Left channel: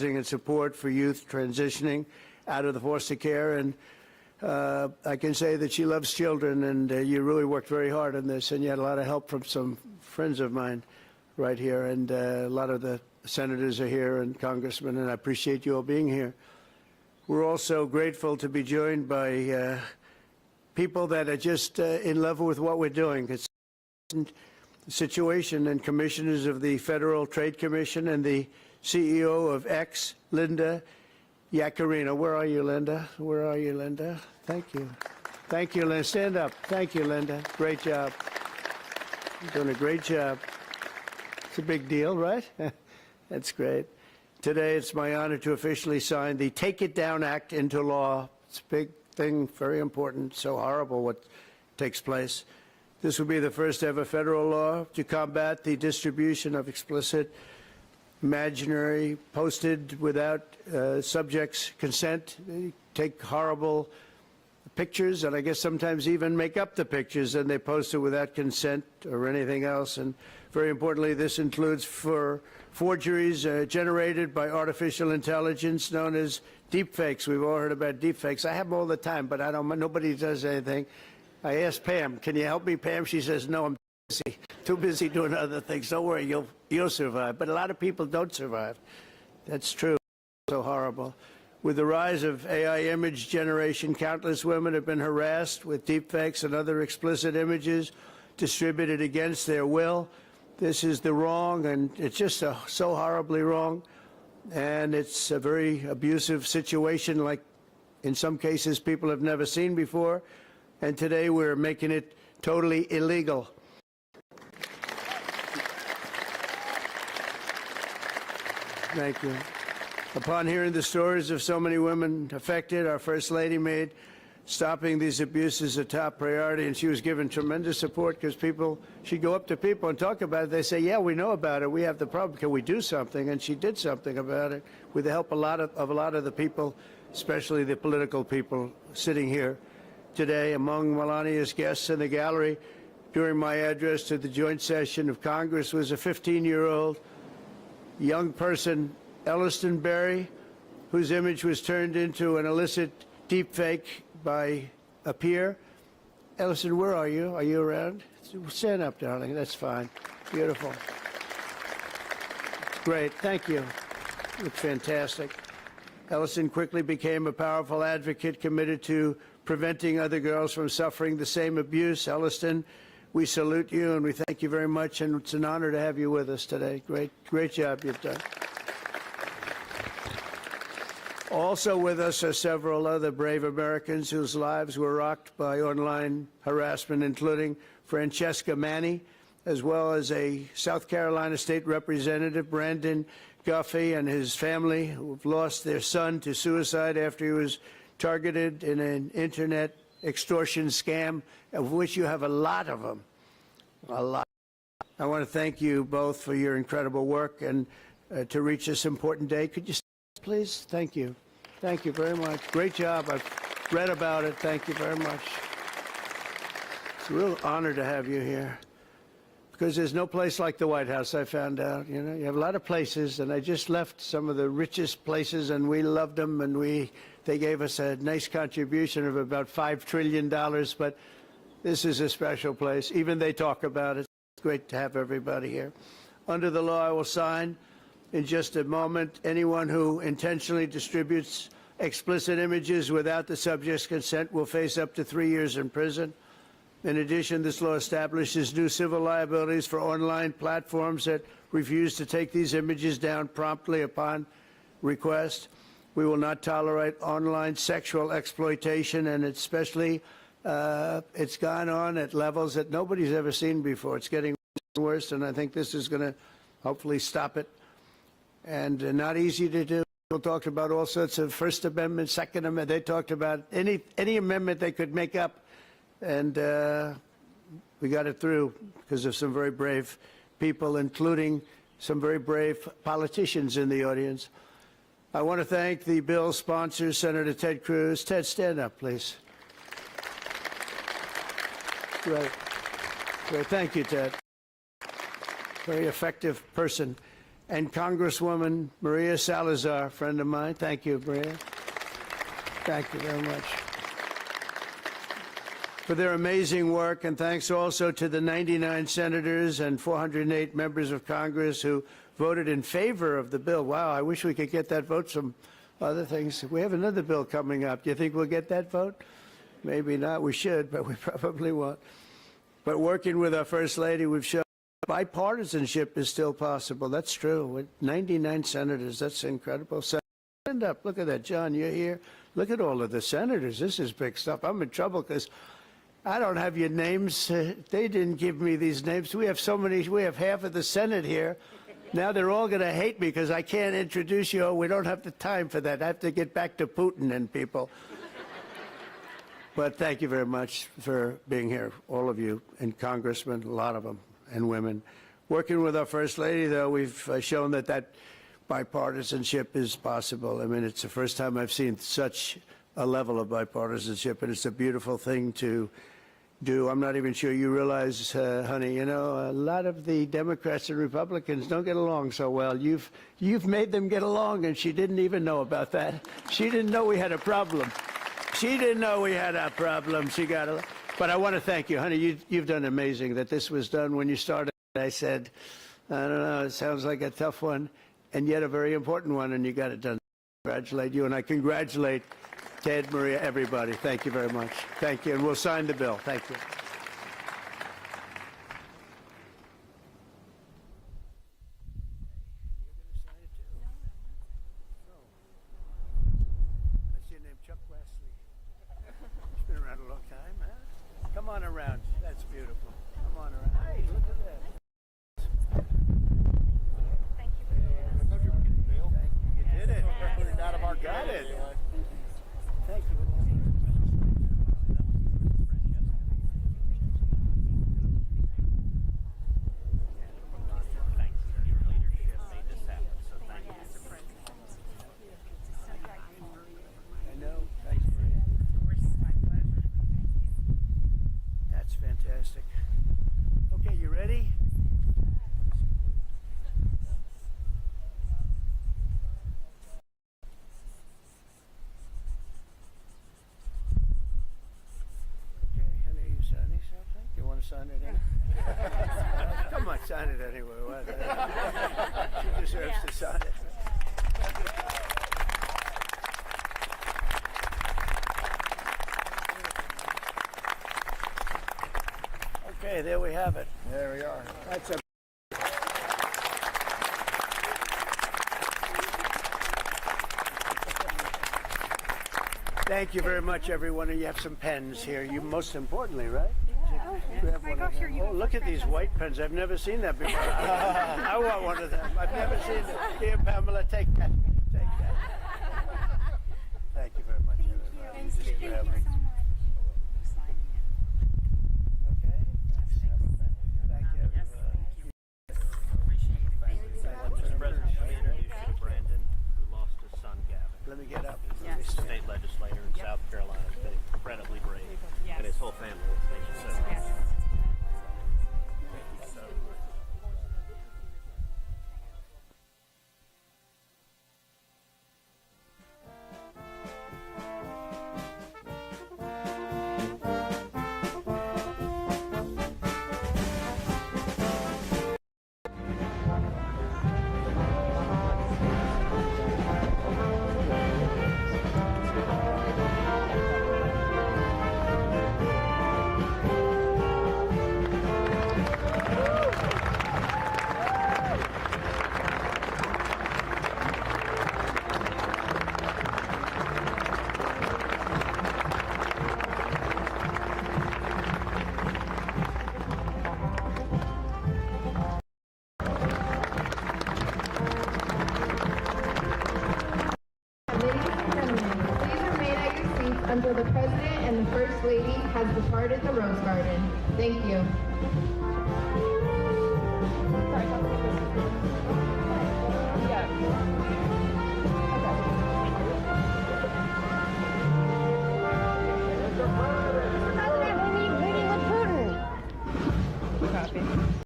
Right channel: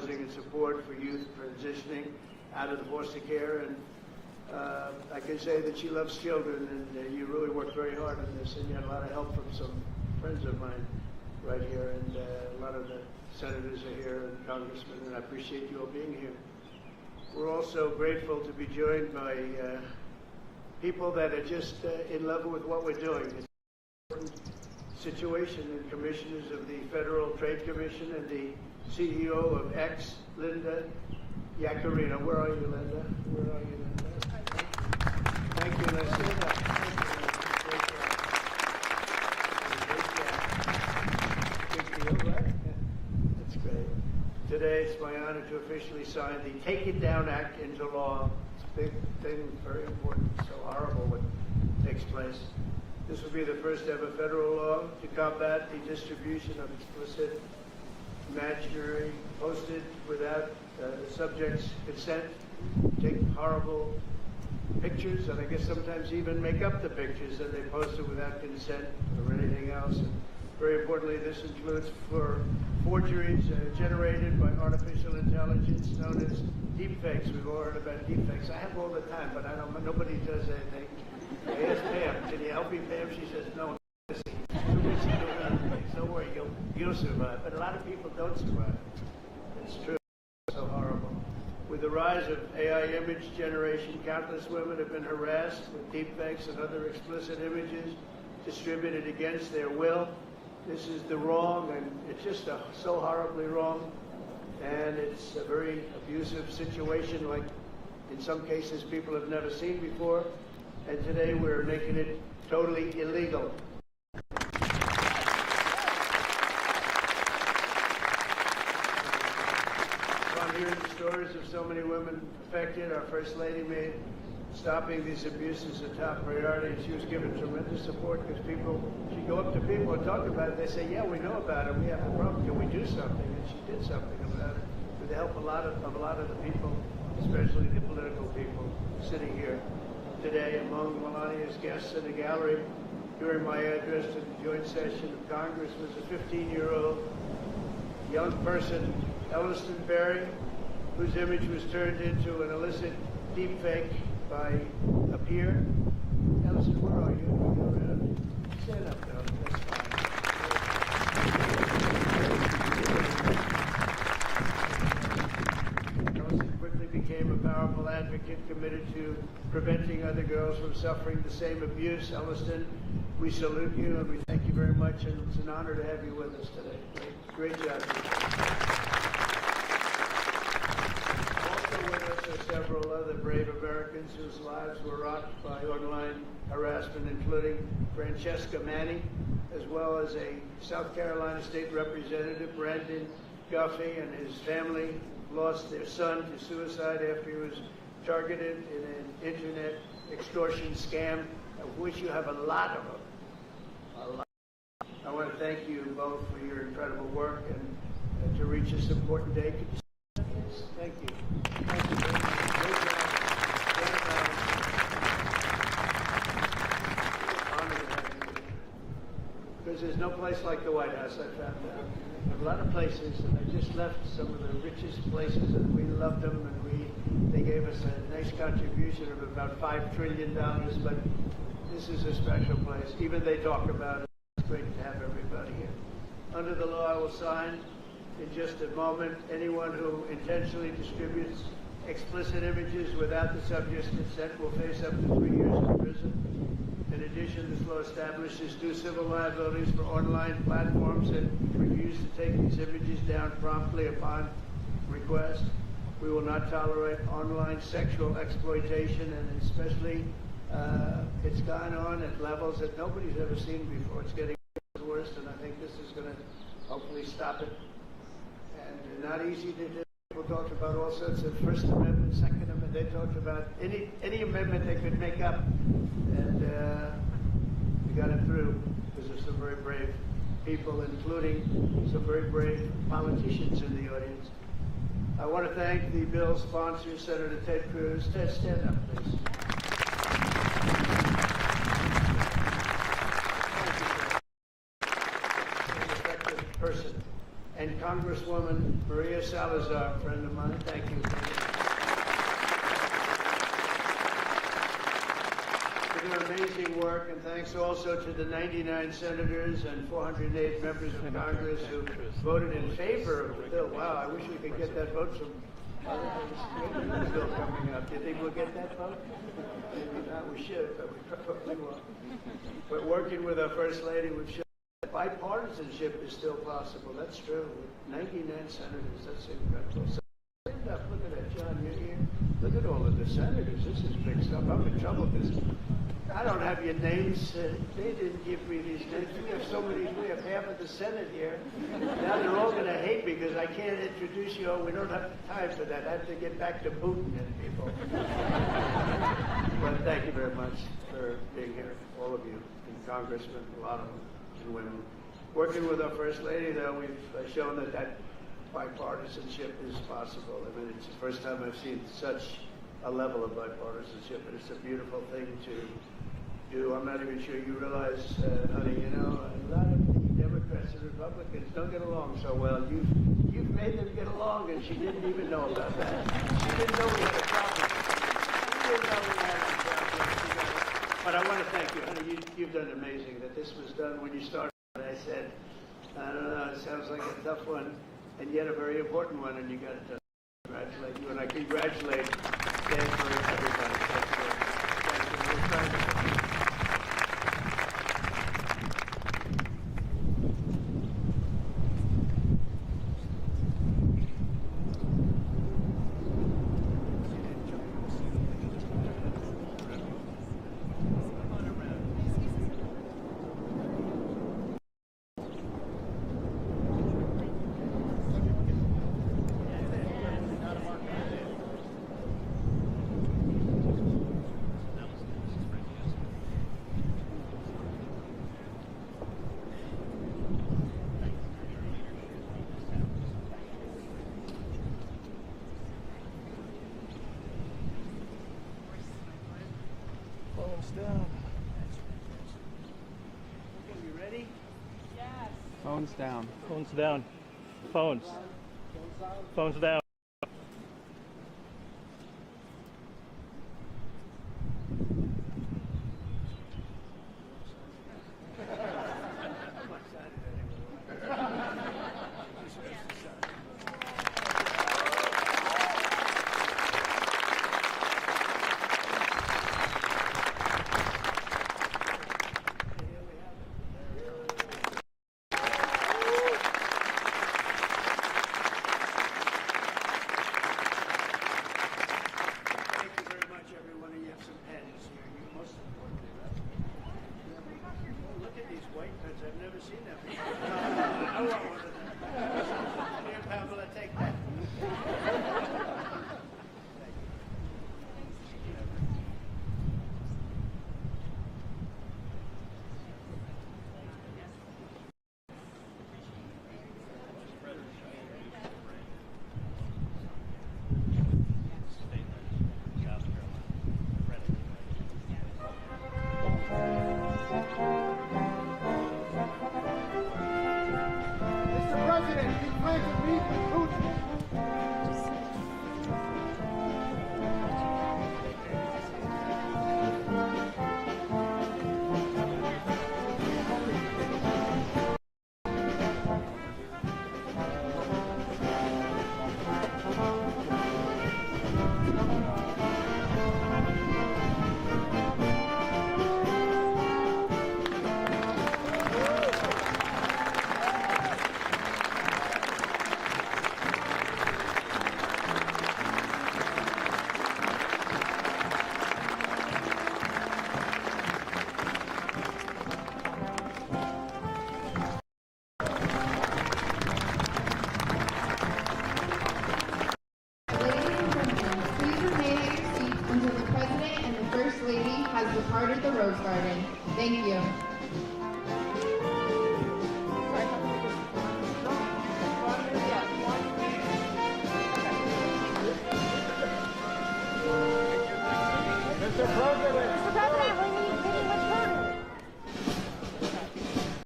and support for youth transitioning out of the foster care. And I can say that she loves children, and you really worked very hard on this, and you had a lot of help from some friends of mine right here, and a lot of the senators are here and congressmen, and I appreciate you all being here. We're also grateful to be joined by people that are just in love with what we're doing. It's an important situation, and commissioners of the Federal Trade Commission and the CEO of X, Linda Yaccarino. Where are you, Linda? Where are you, Linda? Thank you. Thank you, Linda. Stand up. Thank you, Linda. Great job. You're doing a great job. It's a big deal, right? That's great. Today, it's my honor to officially sign the Take It Down Act into law. It's a big thing, very important, so horrible what takes place. This will be the first ever federal law to combat the distribution of explicit, imaginary, posted without subject's consent. They take horrible pictures, and I guess sometimes even make up the pictures, and they post it without consent or anything else. And very importantly, this includes for forgeries generated by artificial intelligence known as deepfakes. We've all heard about deepfakes. I have them all the time, but nobody does anything. I asked Pam, can you help me, Pam? She says, no, I'm busy. Too busy doing other things. Don't worry, you'll survive. But a lot of people don't survive. That's true. So horrible. With the rise of AI image generation, countless women have been harassed with deepfakes and other explicit images distributed against their will. This is the wrong, and it's just so horribly wrong. And it's a very abusive situation, like in some cases people have never seen before. And today we're making it totally illegal. Thank you. Upon hearing the stories of so many women affected, our First Lady made stopping these abuses a top priority, and she was given tremendous support because she'd go up to people and talk about it. They say, yeah, we know about it. We have the problem. Can we do something? And she did something about it with the help of a lot of the people, especially the political people sitting here today. Among Melania's guests in the gallery during my address to the joint session of Congress was a 15-year-old young person, Elliston Berry, whose image was turned into an illicit deepfake by a peer. Elliston, where are you? Are you around? Stand up, darling. That's fine. Beautiful. It's great. Thank you. It's fantastic. Elliston quickly became a powerful advocate committed to preventing other girls from suffering the same abuse. Elliston, we salute you and we thank you very much, and it's an honor to have you with us today. Great job you've done. Also with us are several other brave Americans whose lives were rocked by online harassment, including Francesca Manny, as well as a South Carolina State Representative, Brandon Guffey, and his family, who've lost their son to suicide after he was targeted in an internet extortion scam, of which you have a lot of them. A lot. I want to thank you both for your incredible work and to reach this important day. Could you stand, please? Thank you. Thank you very much. Great job. I've read about it. Thank you very much. It's a real honor to have you here, because there's no place like the White House, I found out. You know, you have a lot of places, and I just left some of the richest places, and we loved them, and they gave us a nice contribution of about $5 trillion, but this is a special place. Even they talk about it. It's great to have everybody here. Under the law I will sign in just a moment, anyone who intentionally distributes explicit images without the subject's consent will face up to 3 years in prison. In addition, this law establishes new civil liabilities for online platforms that refuse to take these images down promptly upon request. We will not tolerate online sexual exploitation, and especially it's gone on at levels that nobody's ever seen before. It's getting worse, and I think this is going to hopefully stop it. And not easy to do. People talked about all sorts of First Amendment, Second Amendment. They talked about any amendment they could make up, and we got it through because of some very brave people, including some very brave politicians in the audience. I want to thank the bill's sponsors, Senator Ted Cruz. Ted, stand up, please. Great. Thank you, Ted. Very effective person. and Congresswoman Maria Salazar, a friend of mine. Thank you, Maria. Thank you very much for their amazing work, and thanks also to the 99 senators and 408 members of Congress who voted in favor of the bill. Wow, I wish we could get that vote. Some other things. We have another bill coming up. Do you think we'll get that vote? Maybe not. We should, but we probably won't. But working with our First Lady, we've shown bipartisanship is still possible. That's true. With 99 senators, that's incredible. Stand up. Look at that, John. You're here. Look at all of the senators. This is big stuff. I'm in trouble because I don't have your names. They didn't give me these names. We have so many. We have half of the Senate here. Now they're all going to hate me because I can't introduce you. Oh, we don't have the time for that. I have to get back to Putin and people. But thank you very much for being here, all of you, and congressmen, a lot of them, and women. Working with our First Lady, though, we've shown that bipartisanship is possible. I mean, it's the first time I've seen such a level of bipartisanship, and it's a beautiful thing to do. I'm not even sure you realize, honey, you know, a lot of the Democrats and Republicans don't get along so well. You've made them get along, and she didn't even know about that. She didn't know we had a problem. She didn't know we had a problem. She got it. But I want to thank you, honey. You've done amazing. That this was done when you started. I said, I don't know, it sounds like a tough one, and yet a very important one, and you got it done. Congratulate you, and I congratulate Ted, Maria, everybody. Thank you very much. Thank you, and we'll sign the bill. Thank you. Phones down. Phones. Phones down. You want to sign it? I might sign it anyway. She deserves to sign it. Okay, there we have it. There we are. That's a Thank you very much, everyone. And you have some pens here. You, most importantly, right? Oh, look at these white pens. I've never seen that before. I want one of them. I've never seen them. Dear Pamela, take that. Thank you very much. Thank you. Let me get up. Yes. State legislator in South Carolina, incredibly brave, and his whole family. Mr. President, we plan to meet with Putin. Until the President and the First Lady has departed the Rose Garden. Thank you.